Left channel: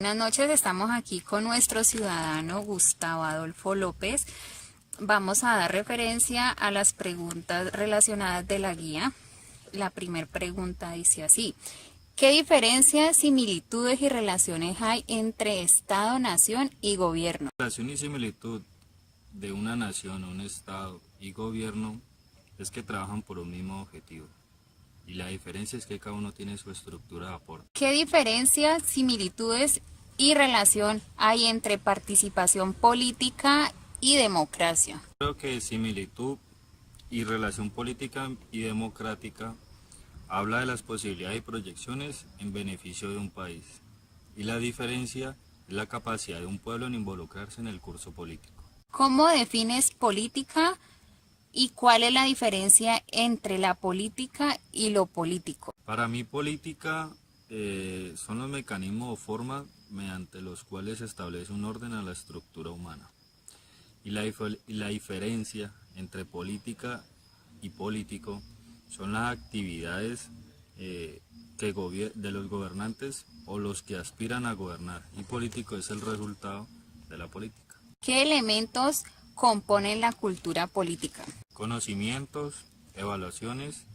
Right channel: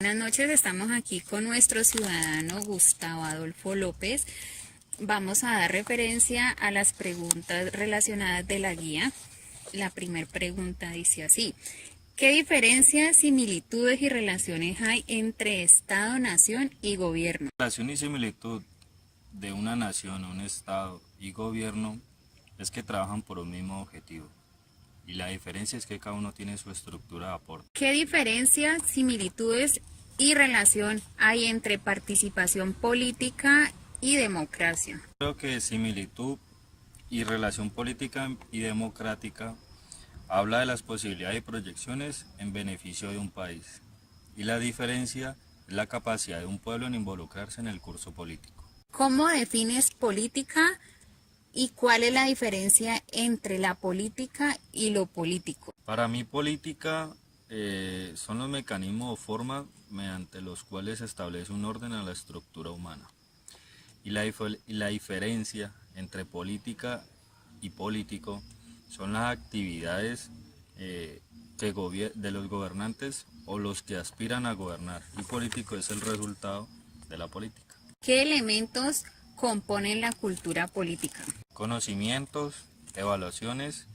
Buenas noches, estamos aquí con nuestro ciudadano Gustavo Adolfo López. Vamos a dar referencia a las preguntas relacionadas de la guía. La primera pregunta dice así: ¿qué diferencias, similitudes y relaciones hay entre Estado, nación y gobierno? La relación y similitud de una nación, un Estado y gobierno es que trabajan por un mismo objetivo. Y la diferencia es que cada uno tiene su estructura de aporte. ¿Qué diferencias, similitudes y relación hay entre participación política y democracia? Creo que similitud y relación política y democrática habla de las posibilidades y proyecciones en beneficio de un país. Y la diferencia es la capacidad de un pueblo en involucrarse en el curso político. ¿Cómo defines política y cuál es la diferencia entre la política y lo político? Para mí política son los mecanismos o formas mediante los cuales se establece un orden a la estructura humana. Y la diferencia entre política y político son las actividades de los gobernantes o los que aspiran a gobernar. Y político es el resultado de la política. ¿Qué elementos componen la cultura política? Conocimientos, evaluaciones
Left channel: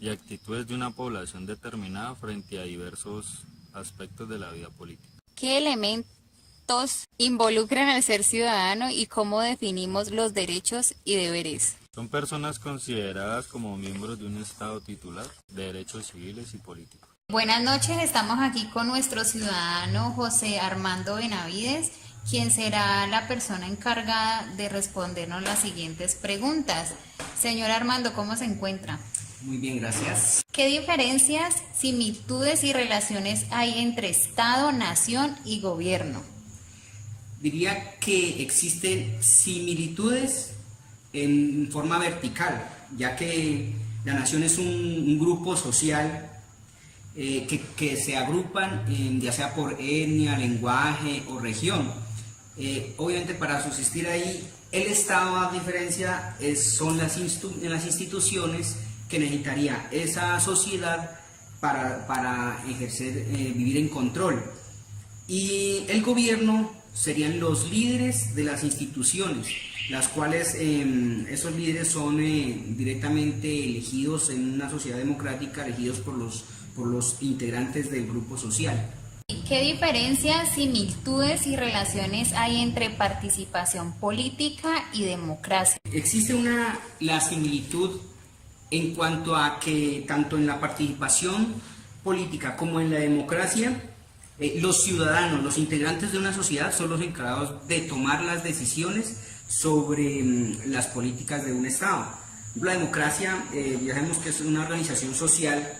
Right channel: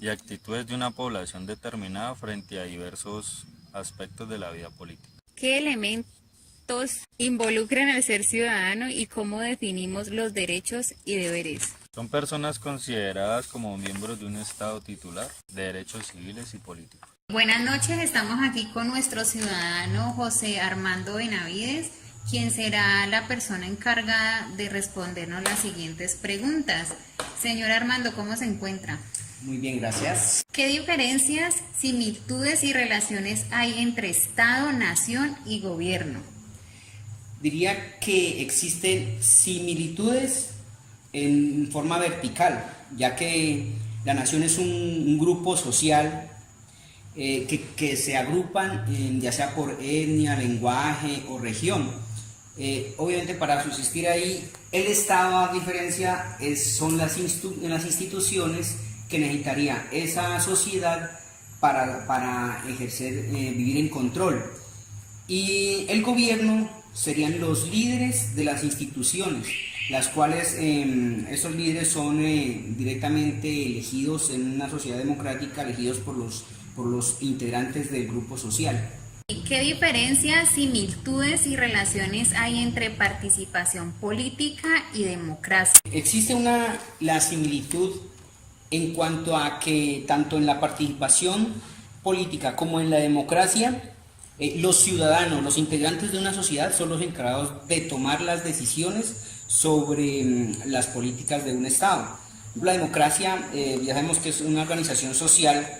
y actitudes de una población determinada frente a diversos aspectos de la vida política. ¿Qué elementos involucran al ser ciudadano y cómo definimos los derechos y deberes? Son personas consideradas como miembros de un Estado titular de derechos civiles y políticos. Buenas noches, estamos aquí con nuestro ciudadano José Armando Benavides, quien será la persona encargada de respondernos las siguientes preguntas. Señor Armando, ¿cómo se encuentra? Muy bien, gracias. ¿Qué diferencias, similitudes y relaciones hay entre Estado, nación y gobierno? Diría que existen similitudes en forma vertical, ya que la nación es un grupo social que se agrupan ya sea por etnia, lenguaje o región. Obviamente para subsistir ahí, el Estado, a diferencia, son las instituciones que necesitaría esa sociedad para ejercer, vivir en control. Y el gobierno serían los líderes de las instituciones, las cuales esos líderes son directamente elegidos en una sociedad democrática, elegidos por los integrantes del grupo social. ¿Qué diferencias, similitudes y relaciones hay entre participación política y democracia? Existe la similitud en cuanto a que tanto en la participación política como en la democracia, los ciudadanos, los integrantes de una sociedad son los encargados de tomar las decisiones sobre las políticas de un Estado. La democracia, ya sabemos que es una organización social,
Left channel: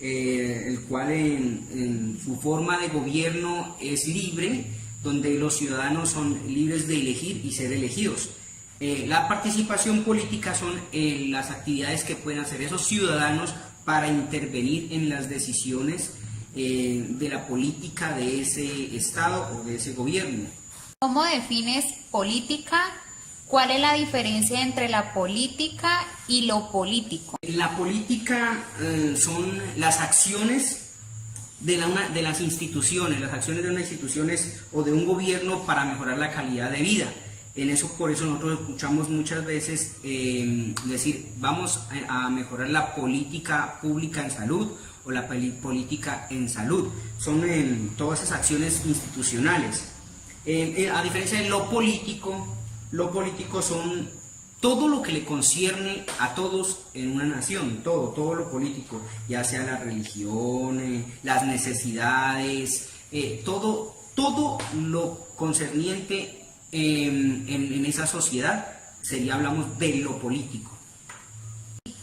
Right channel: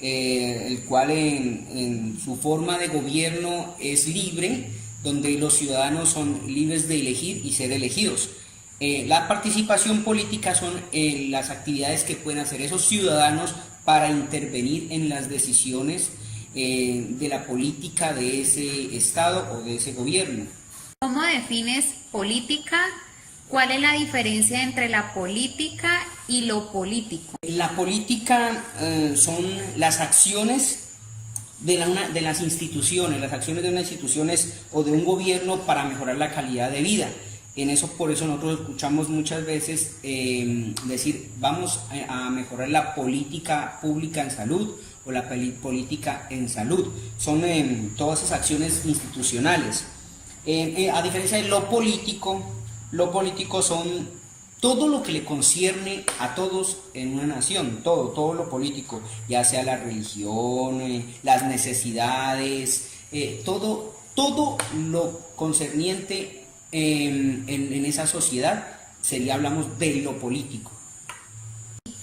el cual en su forma de gobierno es libre, donde los ciudadanos son libres de elegir y ser elegidos. La participación política son las actividades que pueden hacer esos ciudadanos para intervenir en las decisiones de la política de ese Estado o de ese gobierno. ¿Cómo defines política? ¿Cuál es la diferencia entre la política y lo político? La política son las acciones de las instituciones, las acciones de unas instituciones o de un gobierno para mejorar la calidad de vida. Por eso nosotros escuchamos muchas veces decir, vamos a mejorar la política pública en salud o la política en salud. Son todas esas acciones institucionales. A diferencia de lo político son todo lo que le concierne a todos en una nación, todo lo político, ya sea la religión, las necesidades, todo lo concerniente en esa sociedad hablamos de lo político.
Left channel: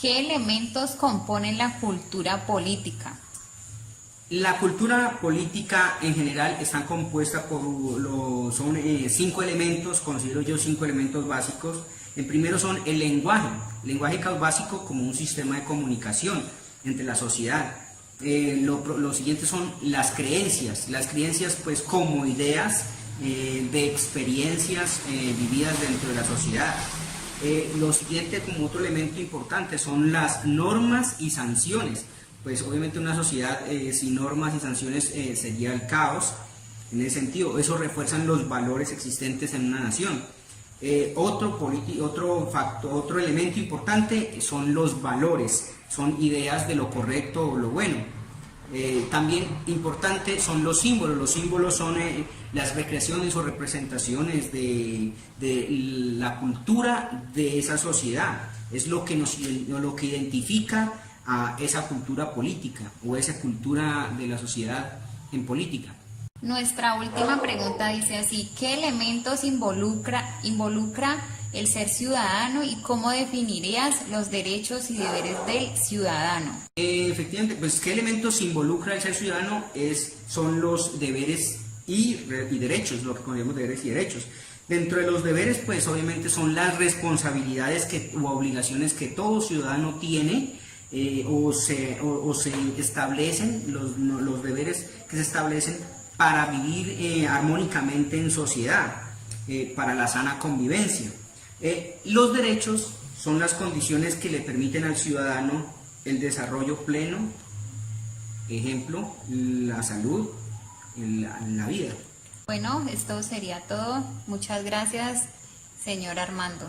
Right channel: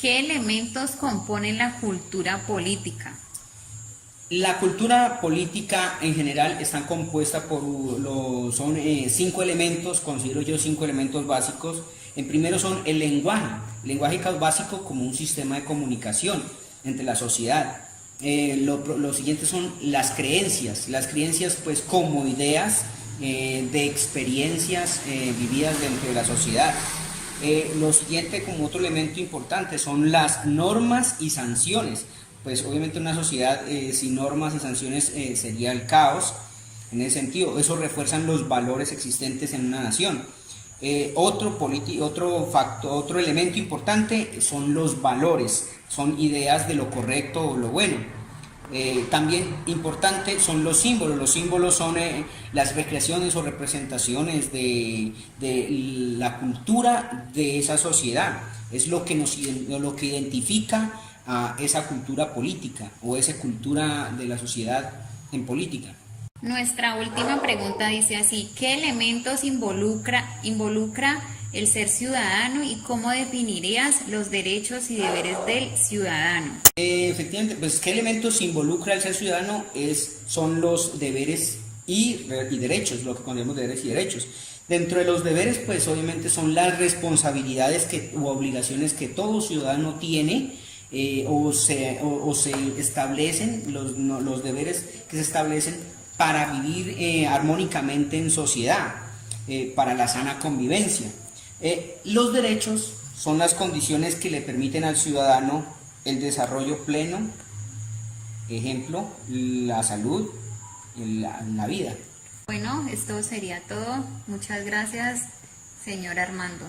¿Qué elementos componen la cultura política? La cultura política en general está compuesta son 5 elementos, considero yo 5 elementos básicos. El primero son el lenguaje básico como un sistema de comunicación entre la sociedad. Lo siguiente son las creencias pues como ideas de experiencias vividas dentro de la sociedad. Lo siguiente como otro elemento importante son las normas y sanciones. pues obviamente una sociedad sin normas y sanciones sería el caos. En ese sentido, eso refuerzan los valores existentes en una nación. Otro elemento importante son los valores, son ideas de lo correcto o lo bueno. También importante son los símbolos son las recreaciones o representaciones de la cultura de esa sociedad, es lo que identifica a esa cultura política o esa cultura de la sociedad en política. Nuestra última pregunta dice así: ¿qué elementos involucra el ser ciudadano y cómo definirías los derechos y deberes del ciudadano? Efectivamente, pues ¿qué elementos involucra el ser ciudadano? Son los deberes y derechos, lo que consideramos deberes y derechos. Dentro de los deberes, pues obviamente son las responsabilidades u obligaciones que todo ciudadano tiene, o se establecen, los deberes que se establecen para vivir armónicamente en sociedad, para la sana convivencia. Los derechos son las condiciones que le permiten al ciudadano el desarrollo pleno, ejemplo, la salud, la vida. Bueno, esto sería todo. Muchas gracias, señor Armando.